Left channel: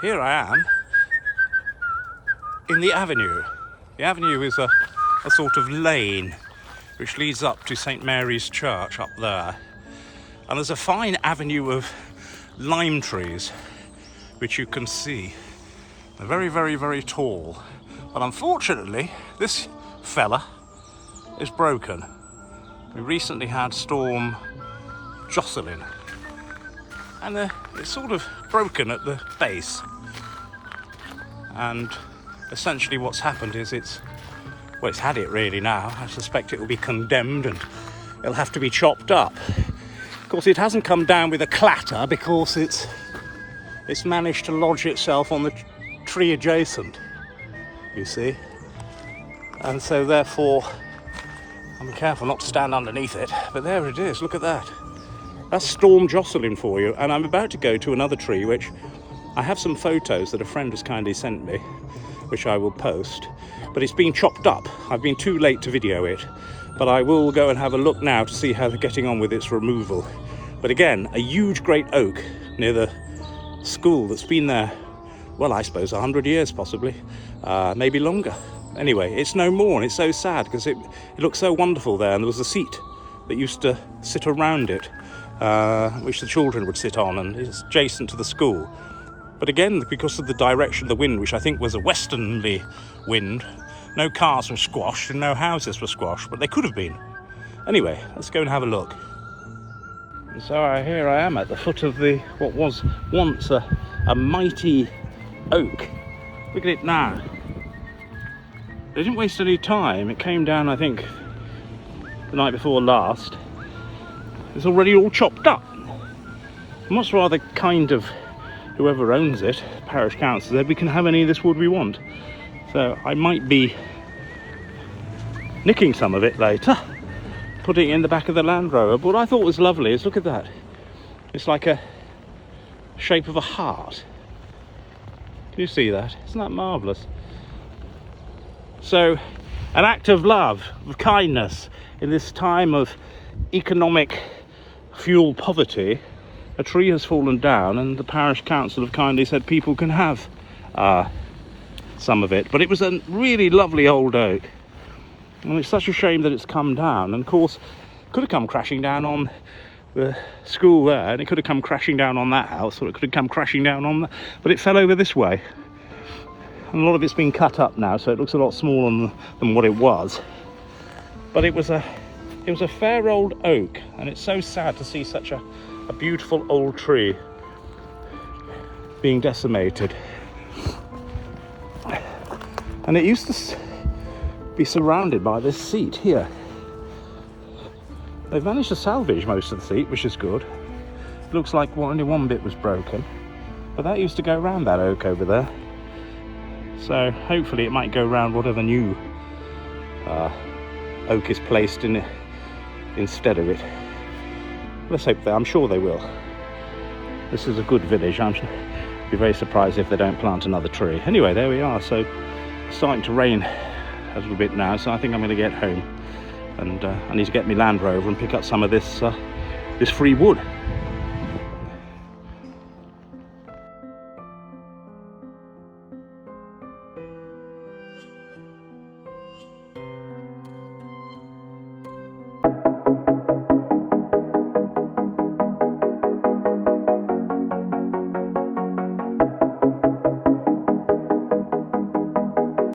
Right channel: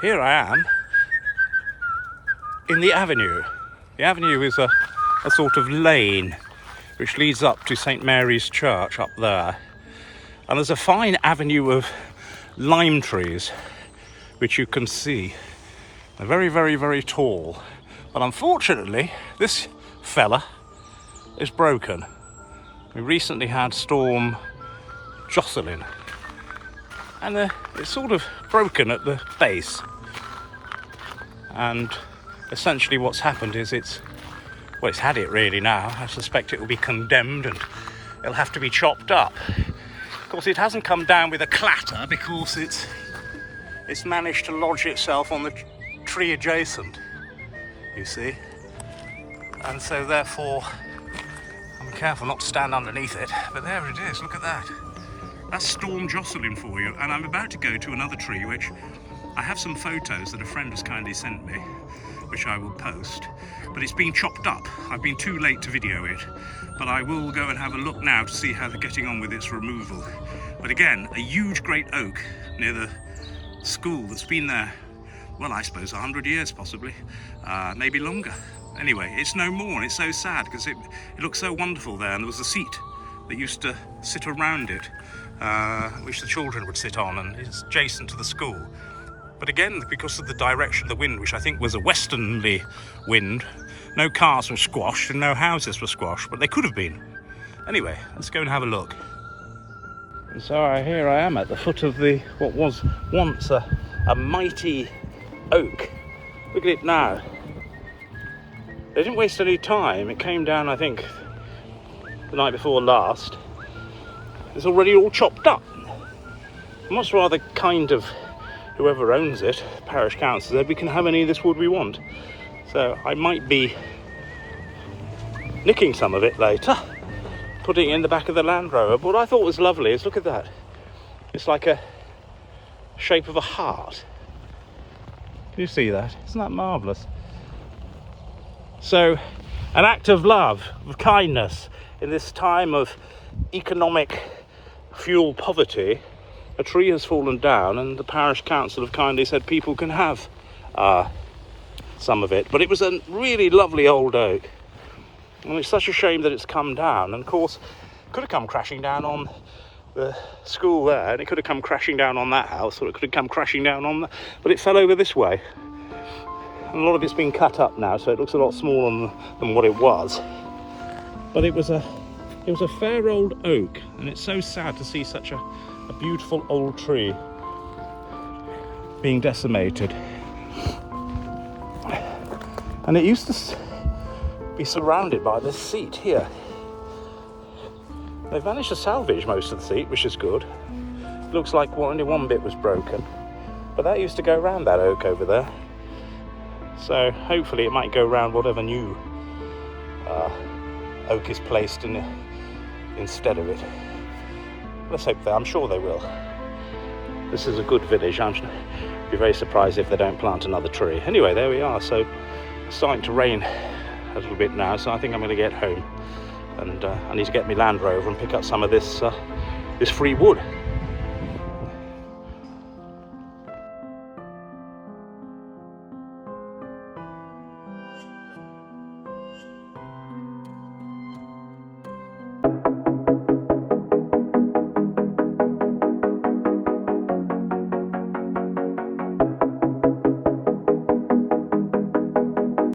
here I am in the avenue. The avenue is a sort of lane which leads up to St Mary's Church up there. And there's a fine avenue of lime trees which you can see. They're very, very, very tall. But unfortunately, this fella is broken. We recently had Storm Jocelyn, and it's sort of broken at the base. And essentially what's happened is it's had it really now. I suspect it will be condemned and it'll have to be chopped up. Of course, it hasn't come down with a clatter because it's managed to lodge itself on the tree adjacent, you see. And so therefore, I'm careful not to stand underneath it, but there it is, look at that. That's Storm Jocelyn for you. And I'm about to go to another tree, which I have some photos that a friend has kindly sent me, which I will post, but it's been chopped up. I've been too late to video it, but I will go and have a look now to see how they're getting on with its removal. But again, a huge great oak near the school that's been there, well, I suppose 100 years possibly, maybe longer. Anyway, it's no more, and it's so sad because it looked so wonderful there, and there was a seat that used to sit around it, which the children would sit on, and it's adjacent to the school. But again, because of the direction of the wind, which I think was a westerly wind, no cars were squashed and no houses were squashed, but they could have been. Anyway, let's go and have a look. And so here I am at the foot of what was once a mighty oak. Look at it now. They didn't waste any time. It came down, I think, the night before last. It's already all chopped up. I must rather kind of whoever owns it, parish council, said we can have any of this wood we want. So I might be nicking some of it later, putting it in the back of the Land Rover. But what I thought was lovely is, look at that. It's like a shape of a heart. Do you see that? Isn't that marvellous? So, an act of love, of kindness, in this time of economic fuel poverty. A tree has fallen down and the parish council have kindly said people can have some of it. But it was a really lovely old oak. And it's such a shame that it's come down. And of course, it could have come crashing down on the school there, and it could have come crashing down on that house, or it could have come crashing down on the... But it fell over this way. And a lot of it's been cut up now, so it looks a lot smaller than what it was. But it was a fair old oak, and it's so sad to see such a beautiful old tree being decimated. And it used to be surrounded by this seat here. They've managed to salvage most of the seat, which is good. It looks like only one bit was broken, but that used to go around that oak over there. So hopefully it might go around whatever new oak is placed in it instead of it. Let's hope that. I'm sure they will. This is a good village. I'm be very surprised if they don't plant another tree. Anyway, there we are. So it's starting to rain a little bit now, so I think I'm going to get home, and I need to get my Land Rover and pick up some of this free wood.